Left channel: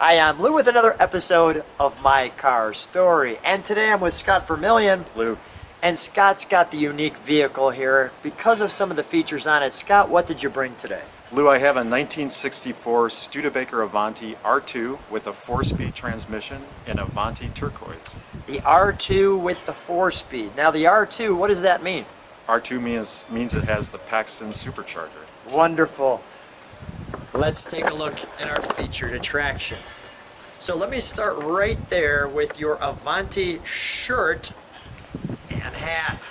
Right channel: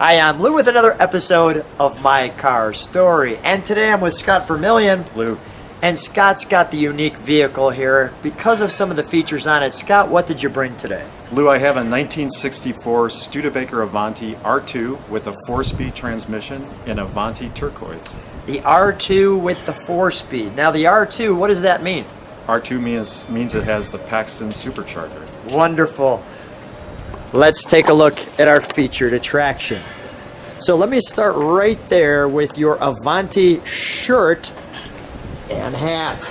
Hi, I'm Lou with another episode of My Car Story. And today I'm with Scott Vermillion. Lou. And Scott's got the unique vehicle here because of some of the features on it. Scott, what did you bring today? Lou, I have a 1964 Studebaker Avanti R2 with a 4-speed transmission in Avanti Turquoise. The R2 with the 4-speed. Now the R2, what does that mean? R2 means it has the Paxton Supercharger. Wonderful. Let's take a look at our featured attraction. So let me start right there with your Avanti shirt and hat.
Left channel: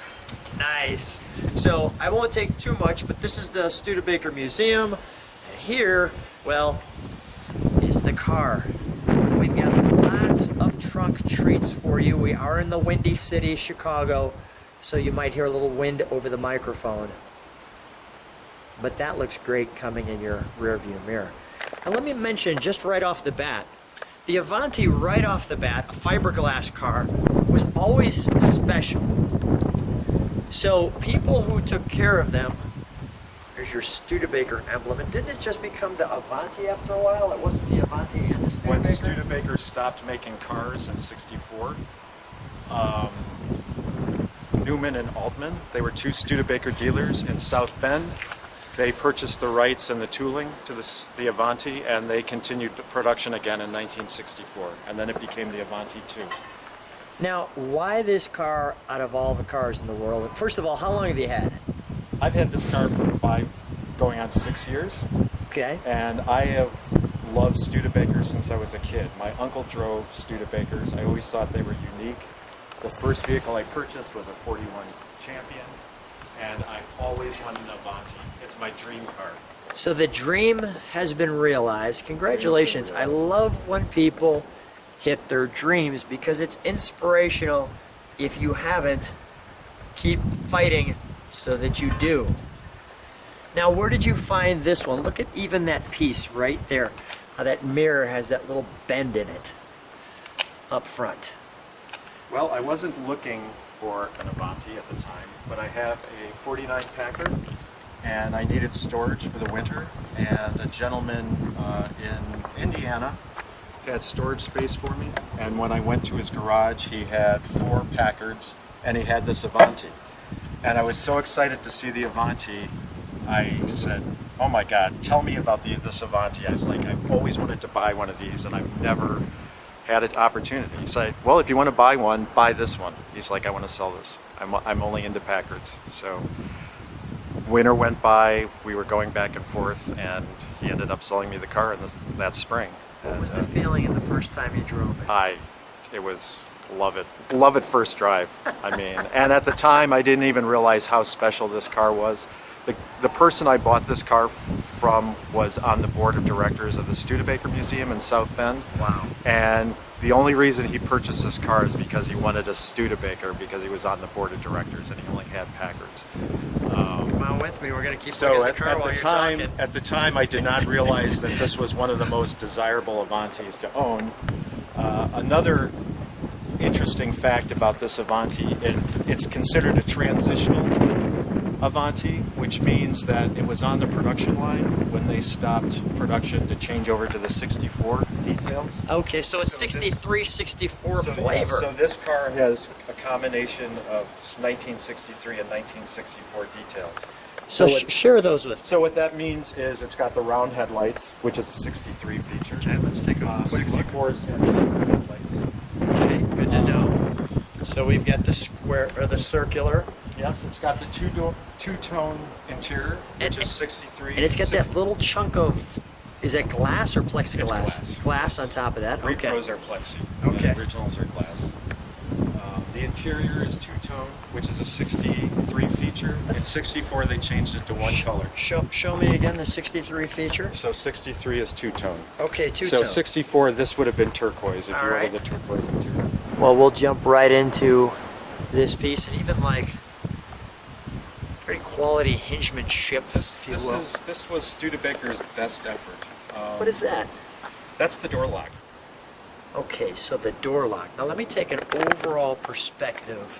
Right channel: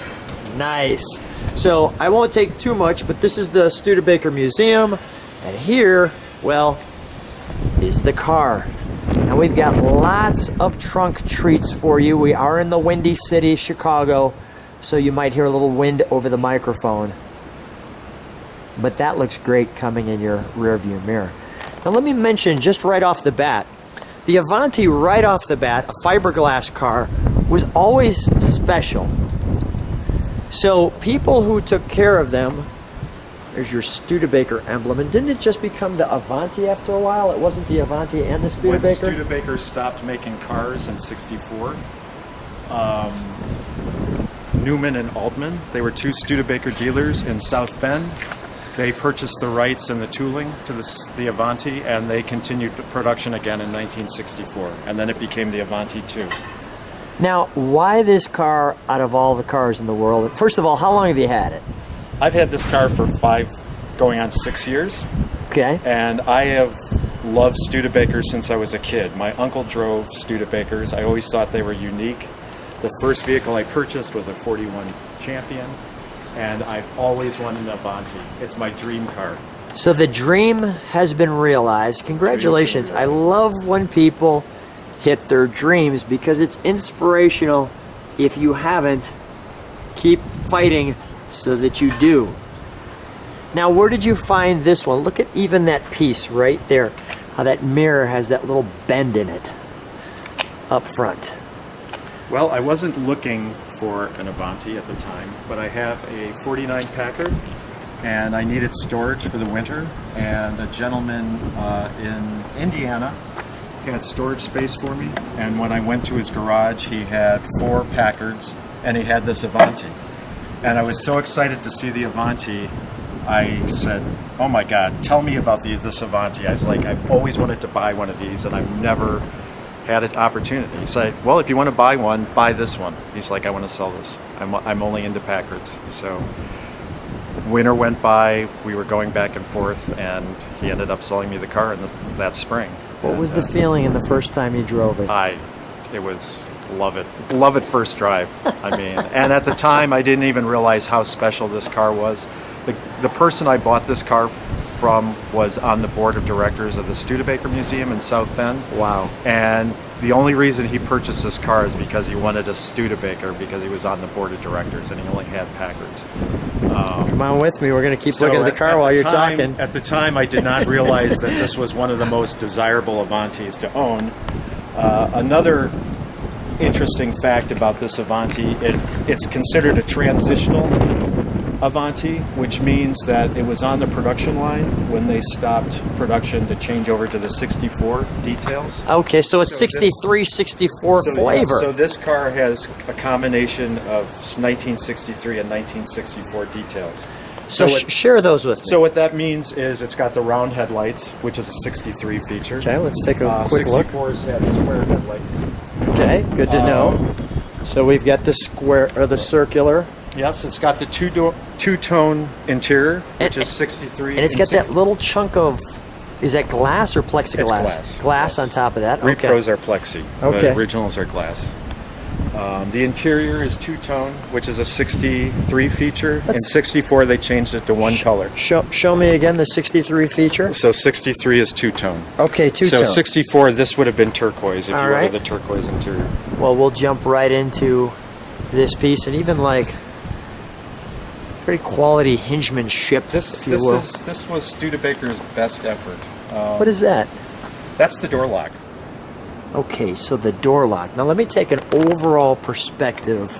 Nice. So I won't take too much, but this is the Studebaker Museum, and here, well, is the car. Now we've got lots of trunk treats for you. We are in the Windy City, Chicago, so you might hear a little wind over the microphone. But that looks great coming in your rear view mirror. Now let me mention just right off the bat, the Avanti right off the bat, a fiberglass car, was always special. So people who took care of them, there's your Studebaker emblem, and didn't it just become the Avanti after a while? It wasn't the Avanti and the Studebaker? When Studebaker stopped making cars in '64, Newman and Altman, they were two Studebaker dealers in South Bend. They purchased the rights and the tooling to the Avanti, and they continued the production again in 1964, and then it became the Avanti 2. Now, why this car out of all the cars in the world? First of all, how long have you had it? I've had this car for 5, going on 6 years. Okay. And I have loved Studebakers since I was a kid. My uncle drove Studebakers. I always thought they were unique. The first vehicle I purchased was a 41 Champion, and I've always wanted an Avanti. It's my dream car. So the dream has been realized. Congratulations. I love when people hit their dreams because it's inspirational. If you haven't, keep fighting so that you do. Now, where did you find this one? Look at even that piece right there, how that mirror has that little bend in it up front. Well, I wasn't looking for an Avanti at the time, but I have a 49 Packard, and I needed storage for the winter, and a gentleman in Indiana had storage space for me, and when I went to his garage, he had 4 Packards, and he had this Avanti. And I was so excited to see the Avanti, I said, oh my God, tell me about this Avanti. I was like, I've always wanted to buy one of these, and I've never had an opportunity. He said, well, if you want to buy one, buy this one. He's like, I want to sell this. I'm only into Packards. So winter went by, we were going back and forth, and he ended up selling me the car in that spring. What was the feeling in the first time you drove it? It was love it first drive. I mean, and at the time I didn't even realize how special this car was. The person I bought this car from was on the board of directors of the Studebaker Museum in South Bend. Wow. And the only reason he purchased this car is because he wanted a Studebaker because he was on the board of directors and he only had Packards. Come on with me, we're going to keep looking at the car while you're talking. At the time, I did not realize that this was one of the most desirable Avantis to own. Another interesting fact about this Avanti, it's considered a transitional Avanti, which means that it was on the production line when they stopped production to change over to the 64 details. Okay, so it's 63, 64 flavor. Yeah, so this car has a combination of 1963 and 1964 details. So share those with me. So what that means is it's got the round headlights, which is a 63 feature. Okay, let's take a quick look. 64s had square headlights. Okay, good to know. So we've got the square or the circular. Yes, it's got the two-tone interior, which is 63. And it's got that little chunk of, is that glass or plexiglass? It's glass. Glass on top of that? Okay. Repros are plexi. Okay. The originals are glass. The interior is two-tone, which is a 63 feature. In 64, they changed it to one color. Show me again the 63 feature. So 63 is two-tone. Okay, two-tone. So 64, this would have been turquoise if you right. wanted the turquoise interior. Well, we'll jump right into this piece, and even like pretty quality hingemanship. This was Studebaker's best effort. What is that? That's the door lock. Okay, so the door lock. Now let me take an overall perspective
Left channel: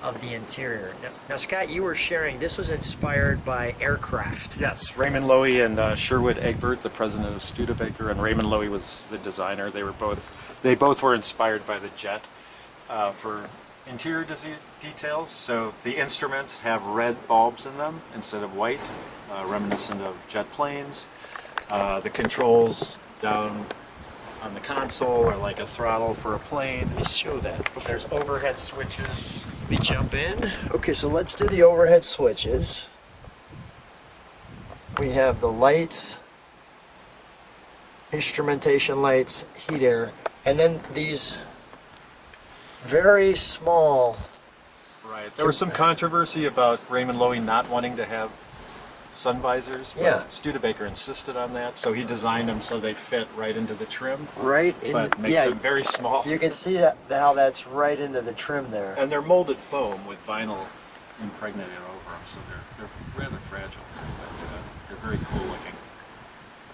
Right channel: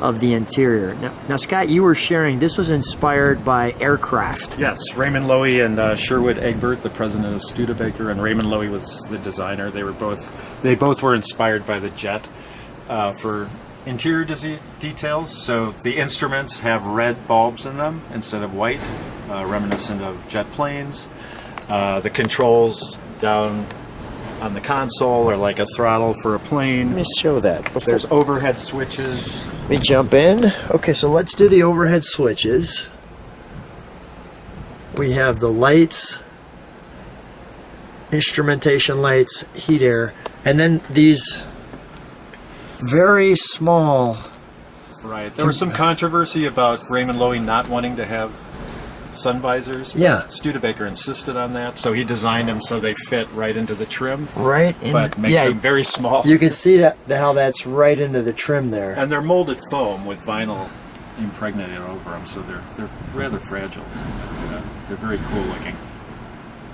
of the interior. Now, Scott, you were sharing this was inspired by aircraft. Yes, Raymond Loewy and Sherwood Egbert, the president of Studebaker, and Raymond Loewy was the designer. They both were inspired by the jet for interior details. So the instruments have red bulbs in them instead of white, reminiscent of jet planes. The controls down on the console are like a throttle for a plane. Let me show that. There's overhead switches. Let me jump in. Okay, so let's do the overhead switches. We have the lights, instrumentation lights, heat air, and then these very small. Right. There was some controversy about Raymond Loewy not wanting to have sun visors. But Yeah. Studebaker insisted on that, so he designed them so they fit right into the trim, Right, but makes them very small. You can see that how that's right into the trim there. And they're molded foam with vinyl impregnated over them, so they're rather fragile, but they're very cool looking.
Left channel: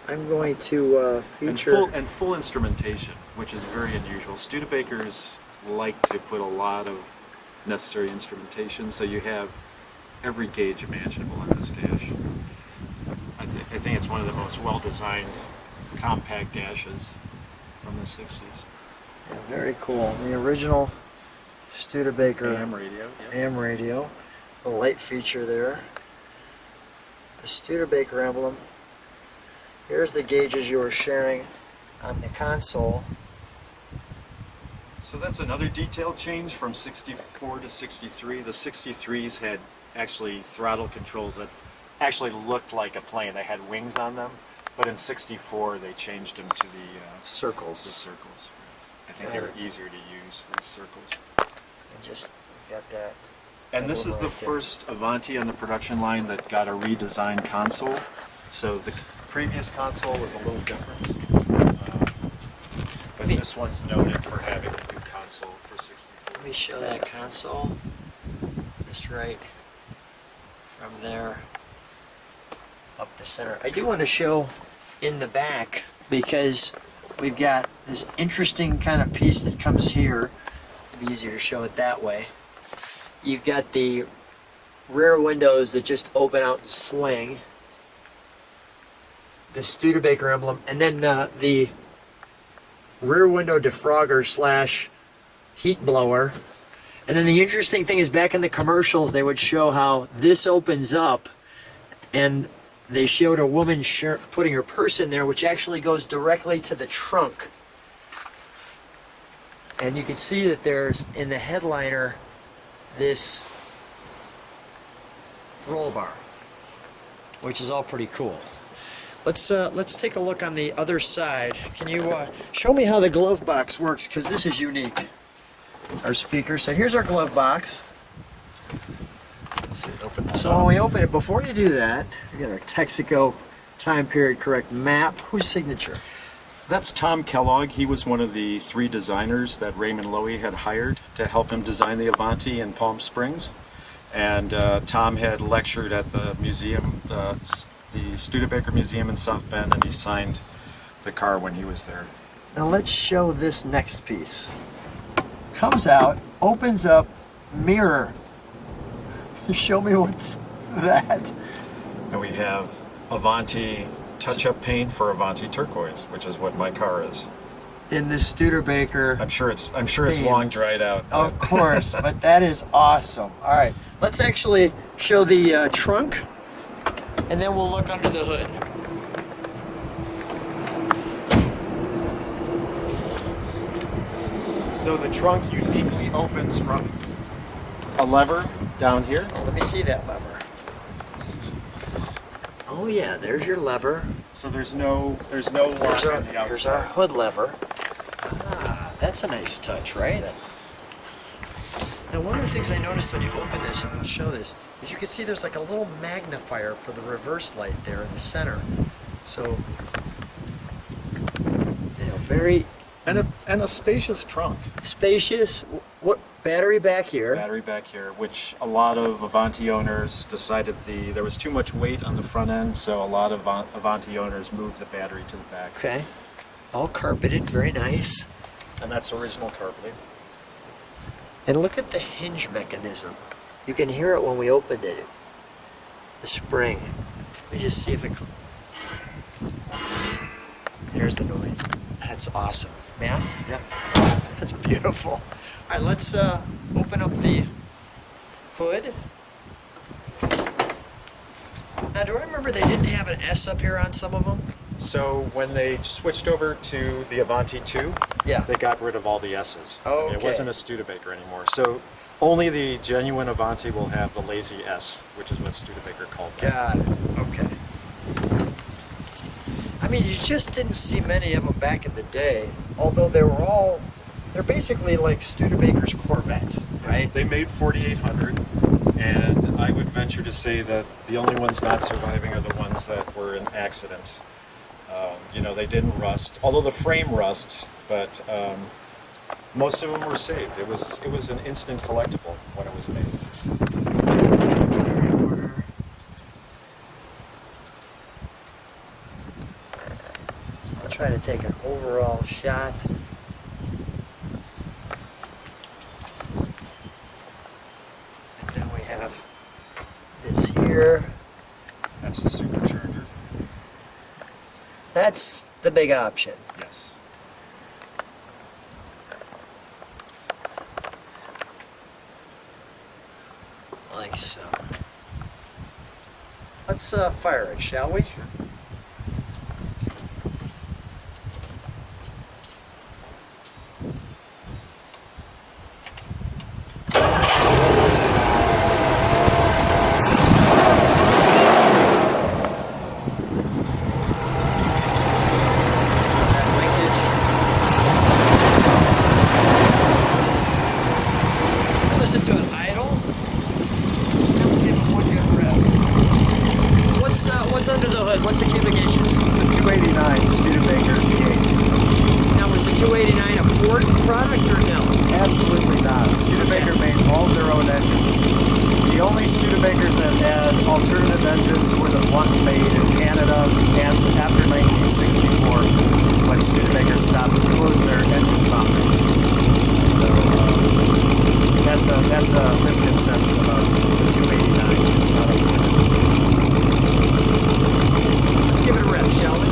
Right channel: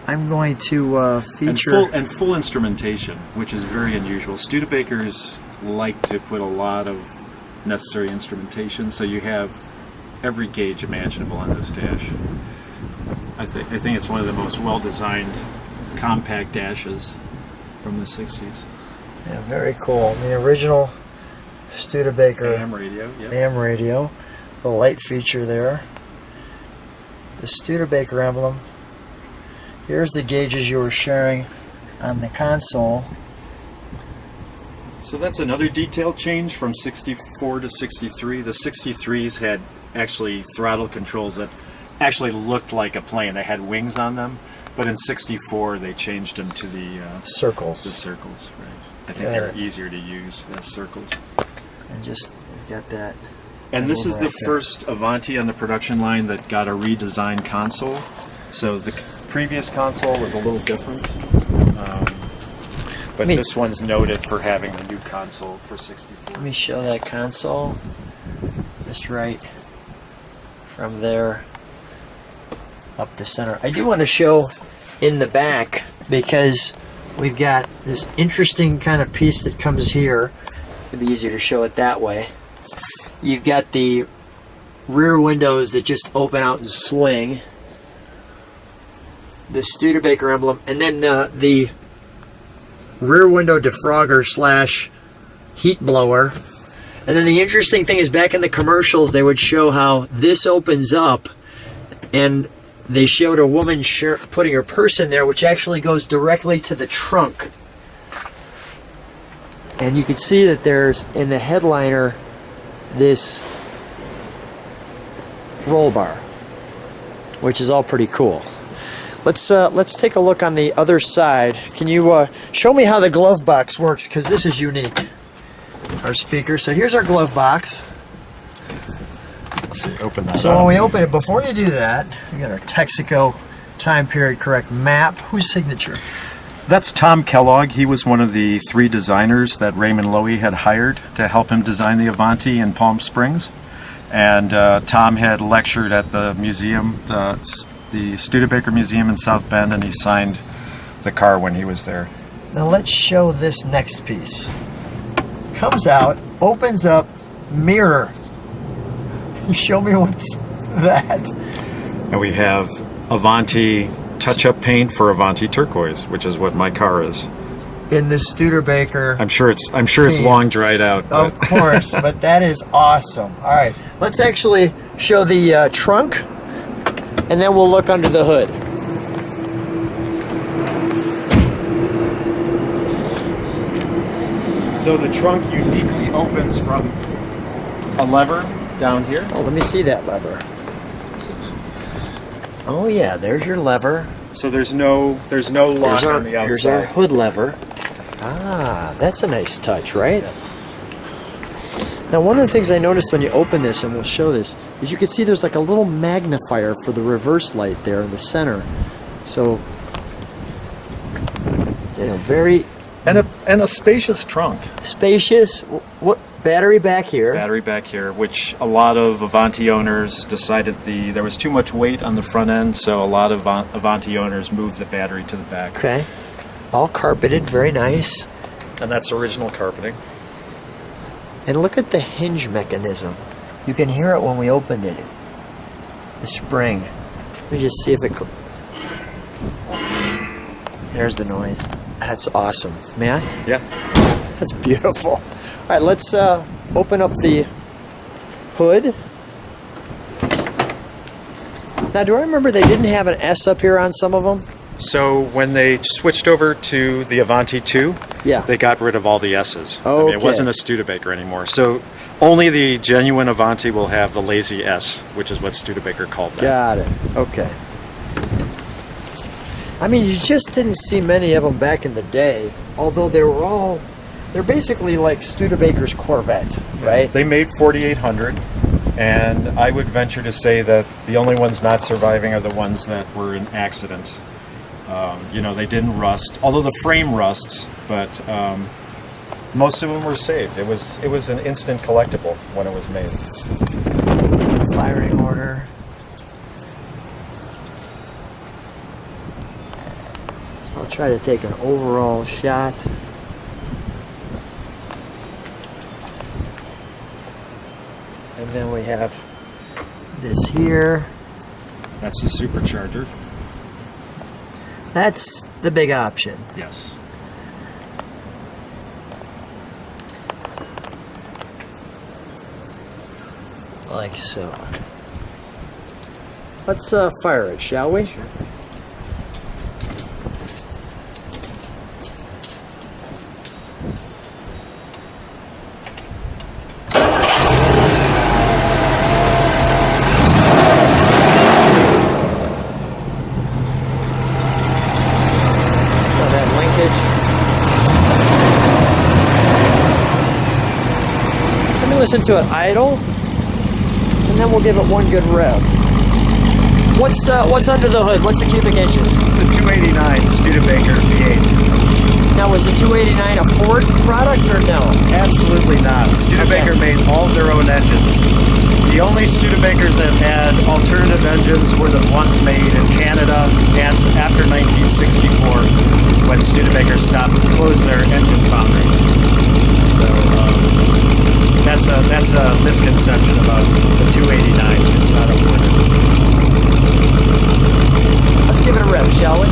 I'm going to feature. And full instrumentation, which is very unusual. Studebakers like to put a lot of necessary instrumentation, so you have every gauge imaginable on this dash. I think it's one of the most well-designed compact dashes from the 60s. Yeah, very cool. The original Studebaker AM radio, yeah. AM radio, the light feature there, the Studebaker emblem. Here's the gauges you were sharing on the console. So that's another detail change from 64 to 63. The 63s had actually throttle controls that actually looked like a plane. They had wings on them, but in 64 they changed them to the Circles. circles. Right. I think Got they're it. easier to use as circles. And just got that. And this is the right there. first Avanti on the production line that got a redesigned console. So the previous console was a little different, but Me- this one's noted for having a new console for 64. Let me show that console. Just right from there up the center. I do want to show in the back because we've got this interesting kind of piece that comes here. It'd be easier to show it that way. You've got the rear windows that just open out and swing. The Studebaker emblem, and then the rear window defrogger slash heat blower. And then the interesting thing is back in the commercials they would show how this opens up, and they showed a woman putting her purse in there, which actually goes directly to the trunk. And you can see that there's in the headliner this roll bar, which is all pretty cool. Let's take a look on the other side. Can you show me how the glove box works? Because this is unique. Our speaker. So here's our glove box. Let's see, open that So up. when we open it, before you do that, we got our Texaco time period correct map. Whose signature? That's Tom Kellogg. He was one of the 3 designers that Raymond Loewy had hired to help him design the Avanti in Palm Springs. And Tom had lectured at the museum, the Studebaker Museum in South Bend, and he signed the car when he was there. Now let's show this next piece. Comes out, opens up, mirror. Show me what's that. And we have Avanti touch-up paint for Avanti Turquoise, which is what my car is. In the Studebaker. I'm sure it's long dried out. Of course, but that is awesome. All right, let's actually show the trunk, and then we'll look under the hood. So the trunk uniquely opens from a lever down here. Oh, let me see that lever. Oh yeah, there's your lever. So there's no lock on the Here's our outside. hood lever. Ah, that's a nice touch, right? Yes. Now, one of the things I noticed when you open this, and we'll show this, is you can see there's like a little magnifier for the reverse light there in the center. So, you know, very And a spacious trunk. spacious. What battery back here? Battery back here, which a lot of Avanti owners decided there was too much weight on the front end, so a lot of Avanti owners moved the battery to the back. Okay. All carpeted, very nice. And that's original carpeting. And look at the hinge mechanism. You can hear it when we opened it. The spring. Let me just see if it... There's the noise. That's awesome. May I? Yeah. That's beautiful. All right, let's open up the hood. Now, do I remember they didn't have an S up here on some of them? So when they switched over to the Avanti 2, Yeah. they got rid of all the S's. I mean, it Okay. wasn't a Studebaker anymore. So only the genuine Avanti will have the lazy S, which is what Studebaker called that. Got it. Okay. I mean, you just didn't see many of them back in the day, although they're basically like Studebaker's Corvette, right? They made 4800, and I would venture to say that the only ones not surviving are the ones that were in accidents. They didn't rust, although the frame rusts, but most of them were saved. It was an instant collectible when it was made. Firing order. So I'll try to take an overall shot. And then we have this here. That's the Supercharger. That's the big option. Yes. Like so. Let's fire it, shall we? Sure. Listen to it idle, and then we'll give it one good rev. What's under the hood? What's the cubic inches? It's a 289 Studebaker V8. Now, was the 289 a Ford product or no? Absolutely not. Studebaker made all their own engines. The only Studebakers that had alternative engines were the ones made in Canada and after 1964 when Studebaker closed their engine foundry. So that's a misconception about the 289. It's not a Ford. Let's give it a rev, shall we?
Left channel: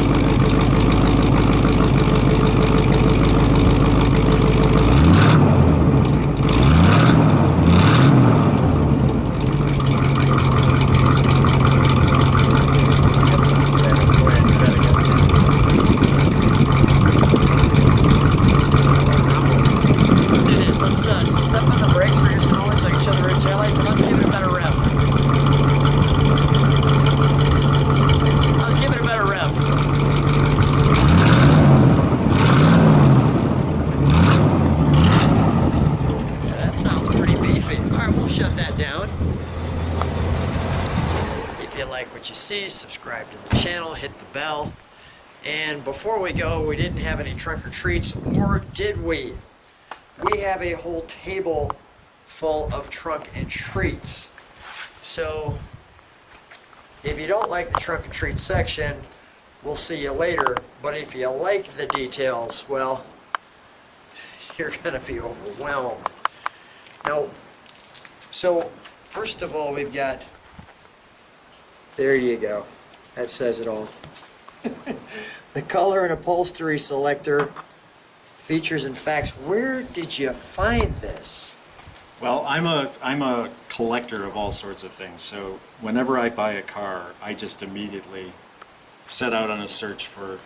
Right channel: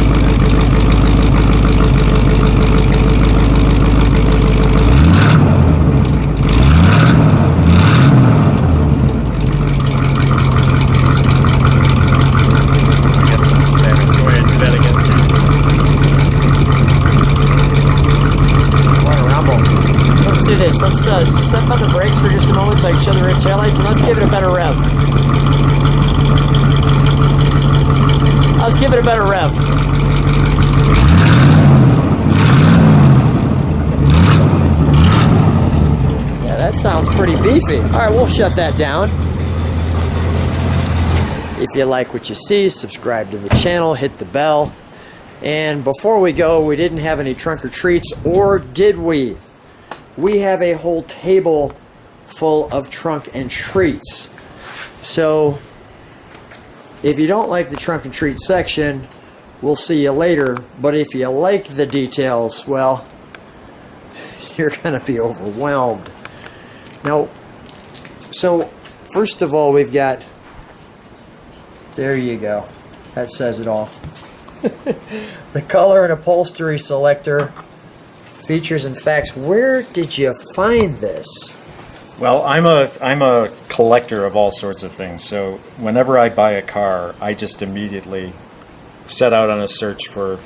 Get some static. Go ahead and do that again. Let's do this. Let's step on the brakes for just moments like sugar and taillights, and let's give it a better rev. Let's give it a better rev. Yeah, that sounds pretty beefy. All right, we'll shut that down. If you like what you see, subscribe to the channel, hit the bell. And before we go, we didn't have any trunk or treats, or did we? We have a whole table full of trunk and treats. So if you don't like the trunk and treat section, we'll see you later. But if you like the details, well, you're going to be overwhelmed. Now, so first of all, we've got, there you go. That says it all. The color and upholstery selector, features and facts. Where did you find this? Well, I'm a collector of all sorts of things. So whenever I buy a car, I just immediately set out on a search for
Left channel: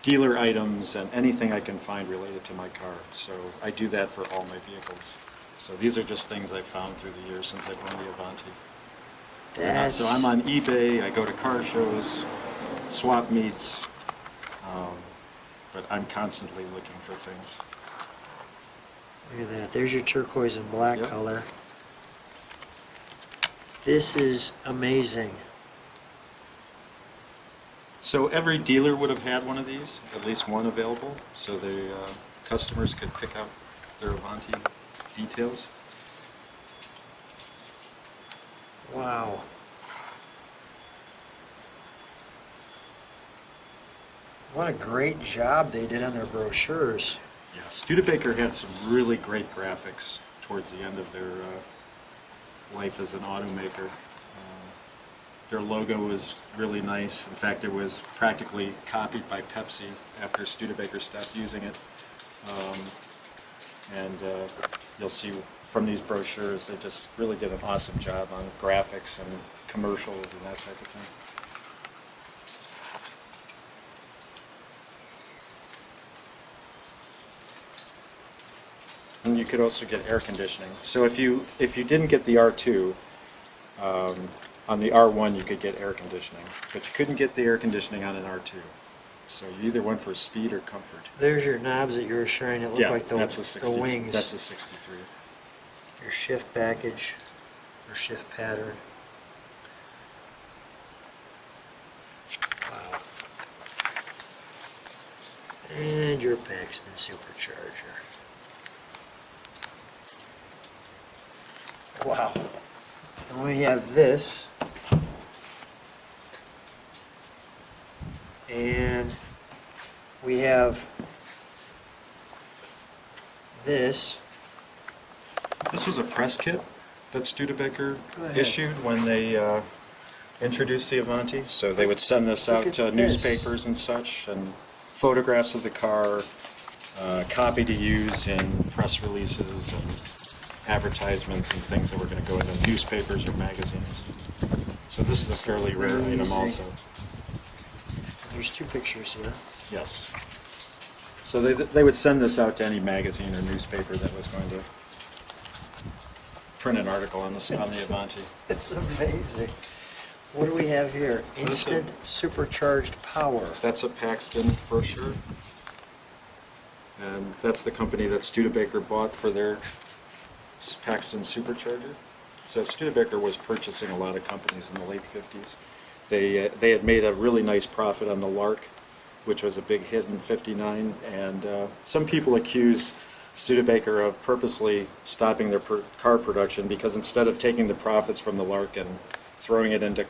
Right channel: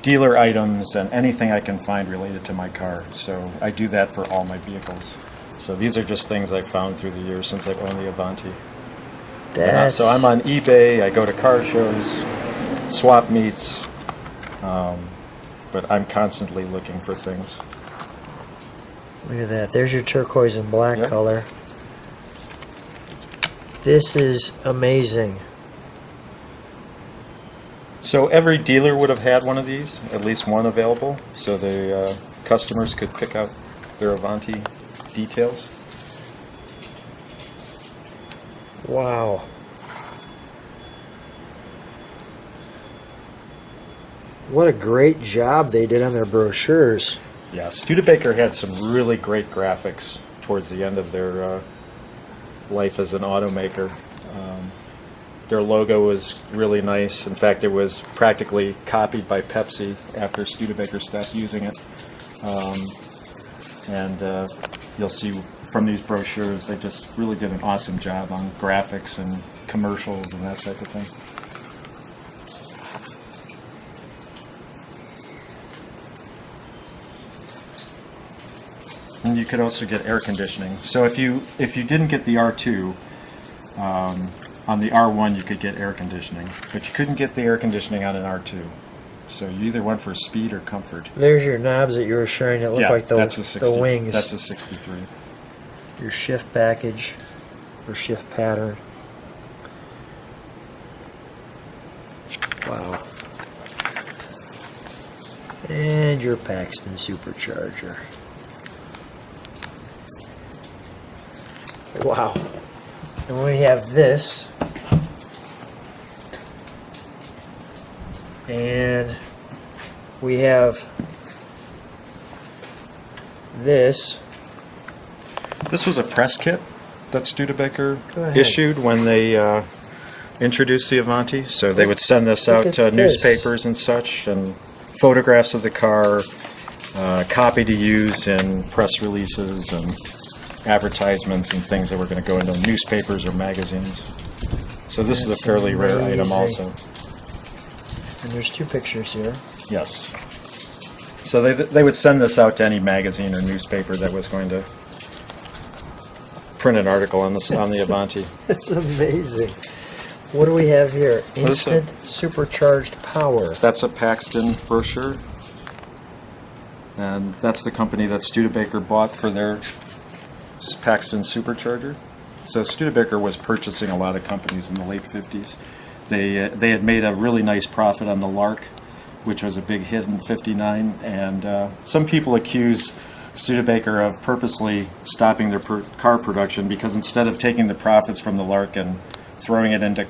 dealer items and anything I can find related to my car. So I do that for all my vehicles. So these are just things I found through the years since I owned the Avanti. So I'm on eBay. I go to car shows, swap meets, but I'm constantly looking for things. Look at that. There's your turquoise and black Yep. color. This is amazing. So every dealer would have had one of these, at least one available, so the customers could pick out their Avanti details. Wow. What a great job they did on their brochures. Yeah, Studebaker had some really great graphics towards the end of their life as an automaker. Their logo was really nice. In fact, it was practically copied by Pepsi after Studebaker stopped using it. And you'll see from these brochures, they just really did an awesome job on graphics and commercials and that type of thing. And you could also get air conditioning. So if you didn't get the R2, on the R1 you could get air conditioning, but you couldn't get the air conditioning on an R2. So you either went for speed or comfort. There's your knobs that you were showing that look like the wings. That's a 63. Your shift package or shift pattern. Wow. And your Paxton Supercharger. Wow. And we have this. And we have this. This was a press kit that Studebaker issued when they introduced the Avanti. So they would send this out to newspapers and such, and photographs of the car, copy to use in press releases and advertisements and things that were going to go into newspapers or magazines. So this is a fairly rare item also. And there's two pictures here. Yes. So they would send this out to any magazine or newspaper that was going to print an article on the Avanti. That's amazing. What do we have here? Instant Supercharged Power. That's a Paxton brochure. And that's the company that Studebaker bought for their Paxton Supercharger. So Studebaker was purchasing a lot of companies in the late 50s. They had made a really nice profit on the Lark, which was a big hit in '59, and some people accuse Studebaker of purposely stopping their car production because instead of taking the profits from the Lark and throwing it into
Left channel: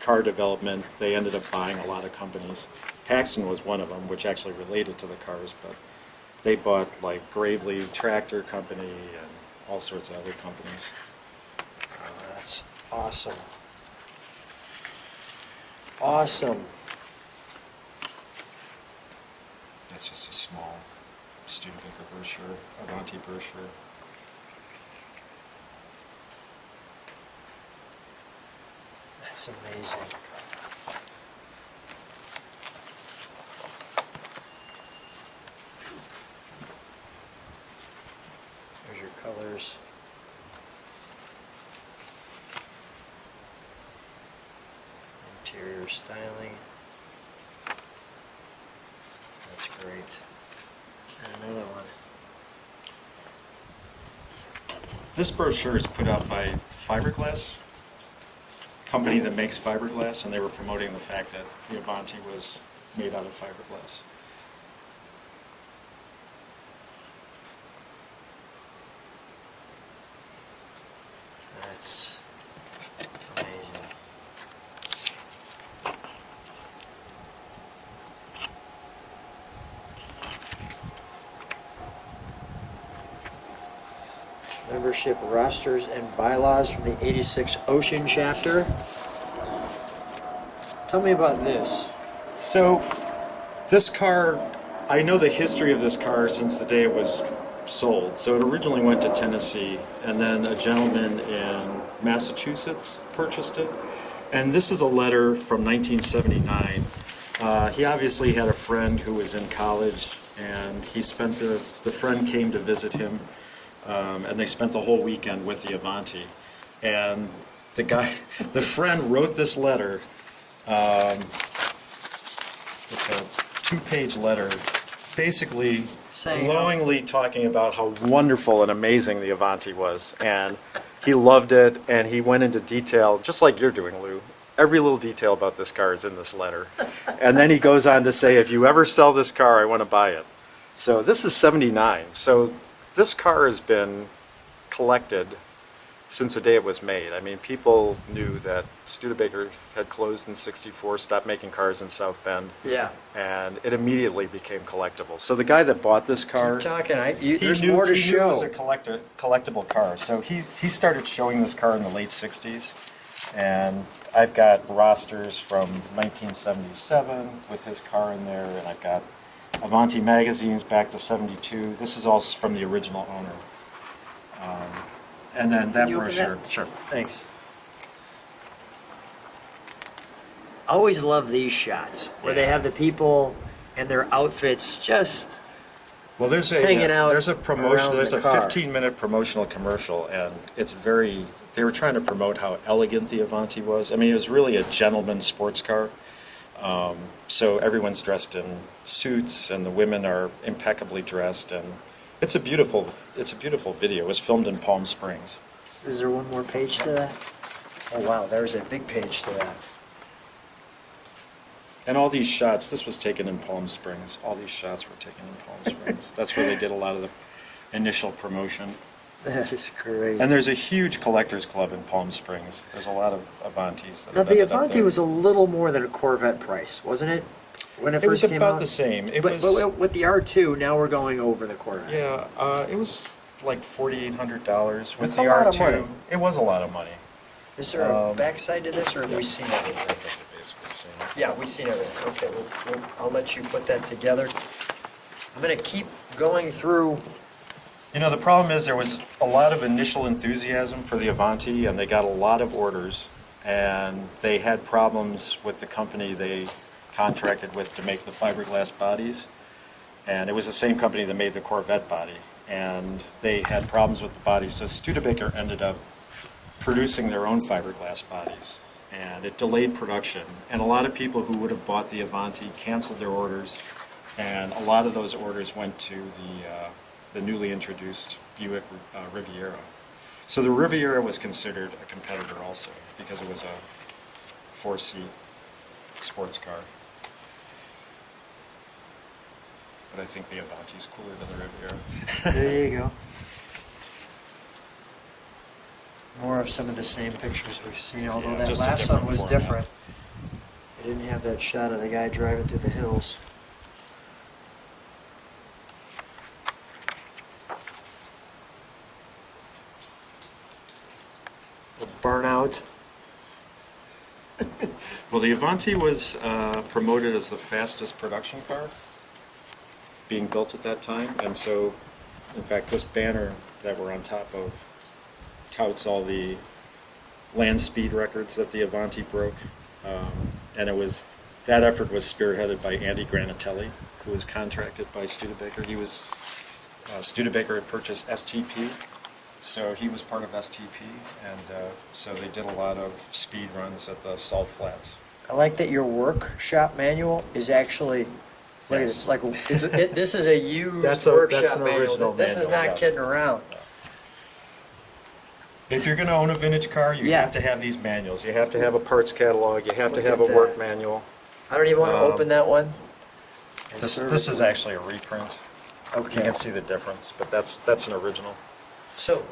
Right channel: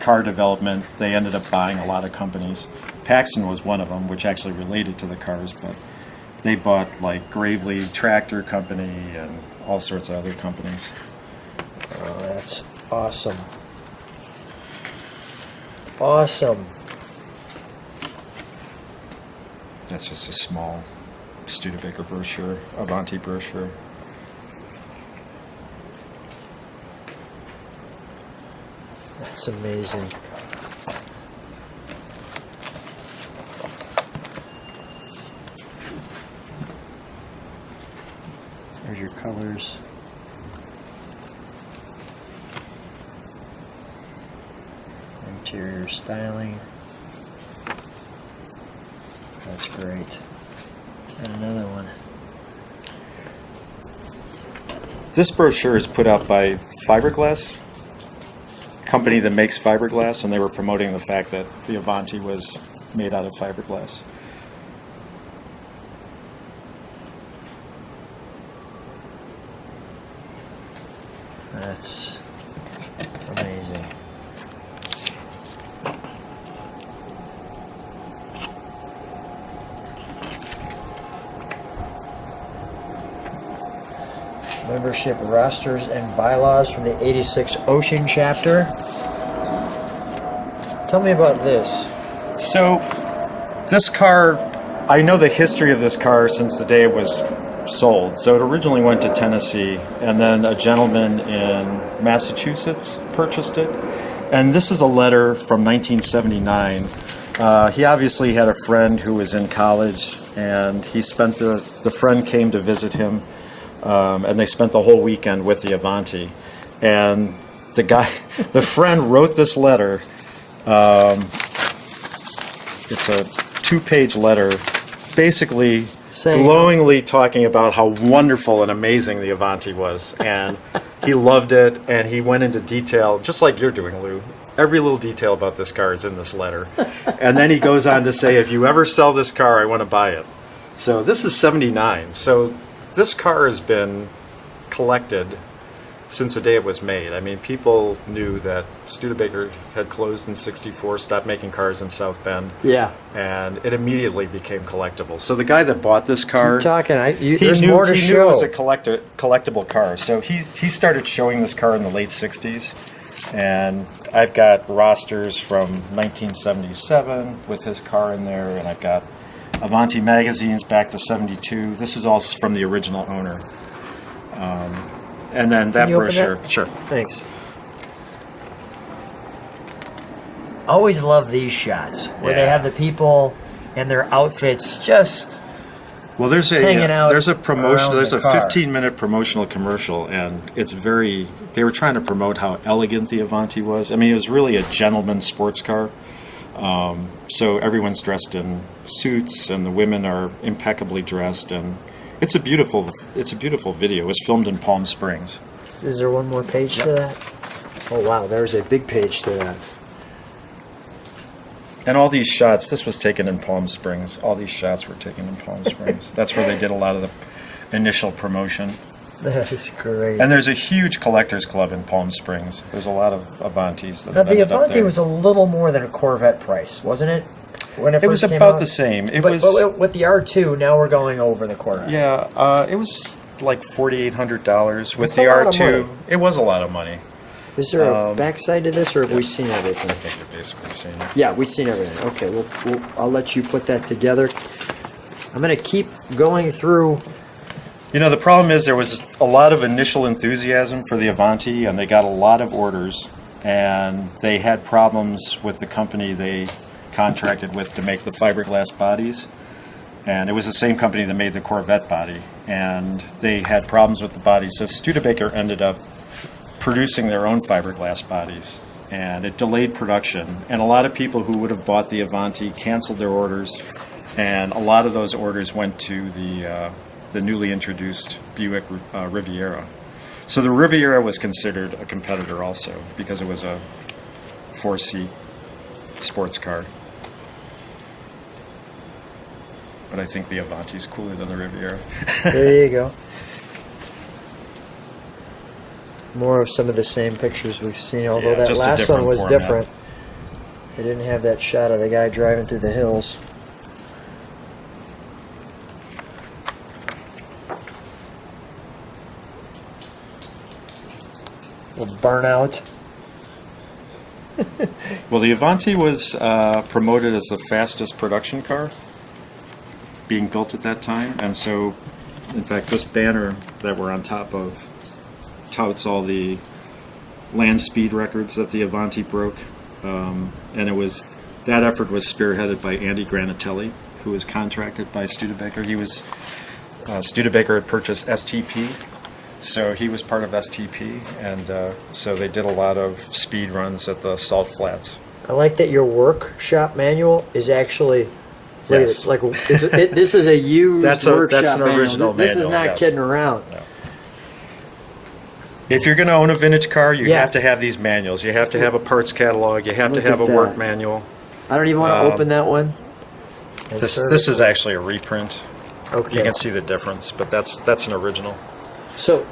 car development, they ended up buying a lot of companies. Paxton was one of them, which actually related to the cars, but they bought like Gravely Tractor Company and all sorts of other companies. That's awesome. Awesome. That's just a small Studebaker brochure, Avanti brochure. That's amazing. There's your colors. Interior styling. That's great. And another one. This brochure is put out by Fiberglass, a company that makes fiberglass, and they were promoting the fact that the Avanti was made out of fiberglass. That's amazing. Membership rosters and bylaws from the 86 Ocean chapter. Tell me about this. So, this car, I know the history of this car since the day it was sold. So it originally went to Tennessee, and then a gentleman in Massachusetts purchased it. And this is a letter from 1979. He obviously had a friend who was in college, and he spent the friend came to visit him, and they spent the whole weekend with the Avanti. And the friend wrote this letter. It's a 2-page letter, basically glowingly talking about how wonderful and amazing the Avanti was, and he loved it, and he went into detail, just like you're doing, Lou. Every little detail about this car is in this letter. And then he goes on to say, if you ever sell this car, I want to buy it. So this is 79. So this car has been collected since the day it was made. I mean, people knew that Studebaker had closed in '64, stopped making cars in South Bend, Yeah. and it immediately became collectible. So the guy that bought this car, Keep talking. he There's knew more to he knew it was show. a collectible car. So he started showing this car in the late '60s, and I've got rosters from 1977 with his car in there, and I've got Avanti magazines back to '72. This is all from the original owner. And then that Can you open brochure. that? Sure. Thanks. Always love these shots where they Yeah. have the people in their outfits just Well, there's hanging out a promotion. around There's the a car. 15-minute promotional commercial, and it's very. They were trying to promote how elegant the Avanti was. I mean, it was really a gentleman's sports car. So everyone's dressed in suits, and the women are impeccably dressed, and it's a beautiful video. It was filmed in Palm Springs. Is there one more page to that? Oh wow, there's a big page to that. And all these shots, this was taken in Palm Springs. All these shots were taken in Palm Springs. That's where they did a lot of the initial promotion. That is great. And there's a huge collectors club in Palm Springs. There's a lot of Avantis. That Now have the ended up Avanti there. was a little more than a Corvette price, wasn't it? When it It was first came about out? the same. It but, was. but with the R2, now we're going over the Corvette. Yeah, it was like $4,800 with That's the a lot of R2. money. It was a lot of money. Is there a backside to this, or have we seen everything? I think you've basically seen it. Yeah, we've seen everything. Okay, I'll let you put that together. I'm going to keep going through. You know, the problem is there was a lot of initial enthusiasm for the Avanti, and they got a lot of orders, and they had problems with the company they contracted with to make the fiberglass bodies. And it was the same company that made the Corvette body, and they had problems with the body. So Studebaker ended up producing their own fiberglass bodies, and it delayed production. And a lot of people who would have bought the Avanti canceled their orders, and a lot of those orders went to the newly introduced Buick Riviera. So the Riviera was considered a competitor also because it was a 4-seat sports car. But I think the Avanti's cooler than the Riviera. There you go. More of some of the same pictures we've seen, although Yeah, that just a last different one was format. different. They didn't have that shot of the guy driving through the hills. A burnout. Well, the Avanti was promoted as the fastest production car being built at that time, and so, in fact, this banner that we're on top of touts all the land speed records that the Avanti broke, and that effort was spearheaded by Andy Granatelli, who was contracted by Studebaker. He was Studebaker had purchased STP. So he was part of STP, and so they did a lot of speed runs at the salt flats. I like that your workshop manual is actually. Yes. It's like this is a used That's workshop an manual. original This manual, is not yes. kidding around. No. If you're going to own a vintage car, you Yeah. have to have these manuals. You have to have a parts catalog. You have to Look have a at work that. manual. I don't even want to open that one. This is actually a reprint. Okay. You can see the difference, but that's an original. So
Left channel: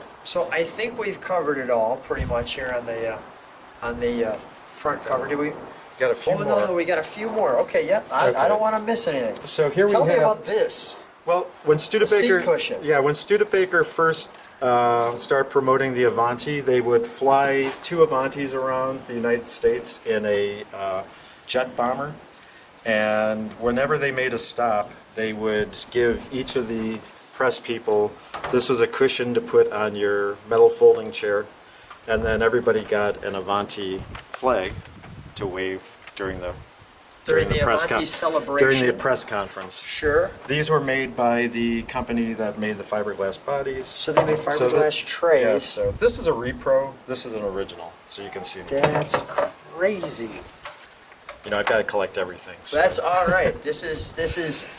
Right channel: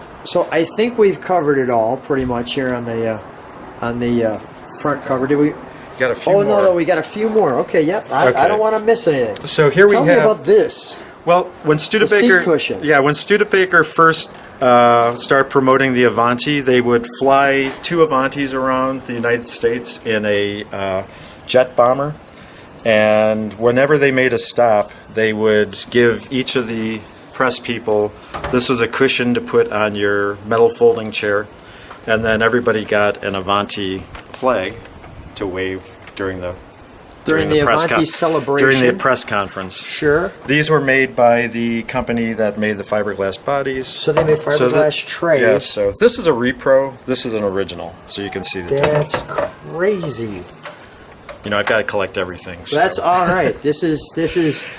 I think we've covered it all pretty much here on the front cover. Did we? Got a few Oh more. no, we got a few more. Okay, yep. I Okay. don't want to miss anything. So here Tell we me have. about this. Well, when Studebaker, cushion. yeah, when Studebaker first started promoting the Avanti, they would fly 2 Avantis around the United States in a jet bomber, and whenever they made a stop, they would give each of the press people, this was a cushion to put on your metal folding chair, and then everybody got an Avanti flag to wave during the press Avanti celebration. during the press conference. Sure. These were made by the company that made the fiberglass bodies. So they made fiberglass trays. Yes, so this is a repro, this is an original, so you can see the difference. That's crazy. You know, I've got to collect everything. So. That's all right. This is.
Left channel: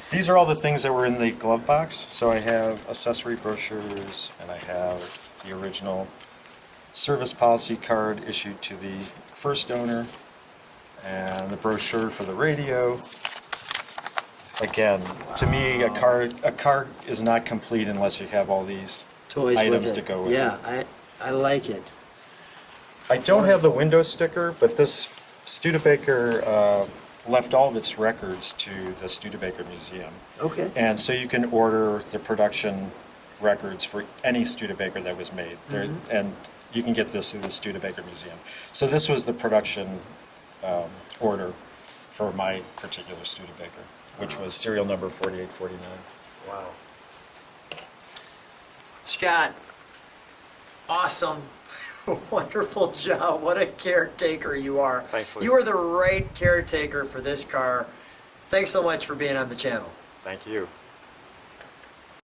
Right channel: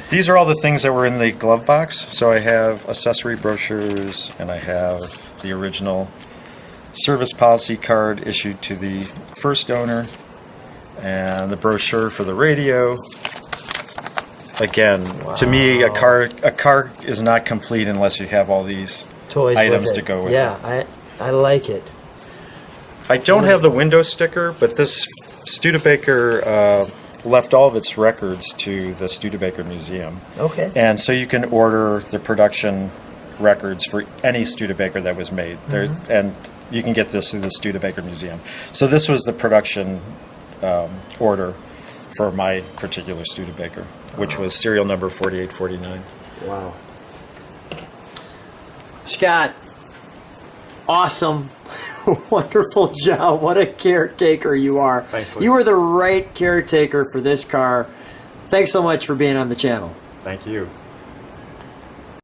These are all the things that were in the glove box. So I have accessory brochures, and I have the original service policy card issued to the first owner, and the brochure for the radio. Again, to me, a car is not complete unless you have all these Toys items with to it. go with yeah, it. I like it. I don't have the window sticker, but this Studebaker left all of its records to the Studebaker Museum. Okay. And so you can order the production records for any Studebaker that was made. And you can get this through the Studebaker Museum. So this was the production order for my particular Studebaker, which was serial number 4849. Wow. Scott, awesome. Wonderful job. What a caretaker you are. Thanks, Lee. You are the right caretaker for this car. Thanks so much for being on the channel. Thank you.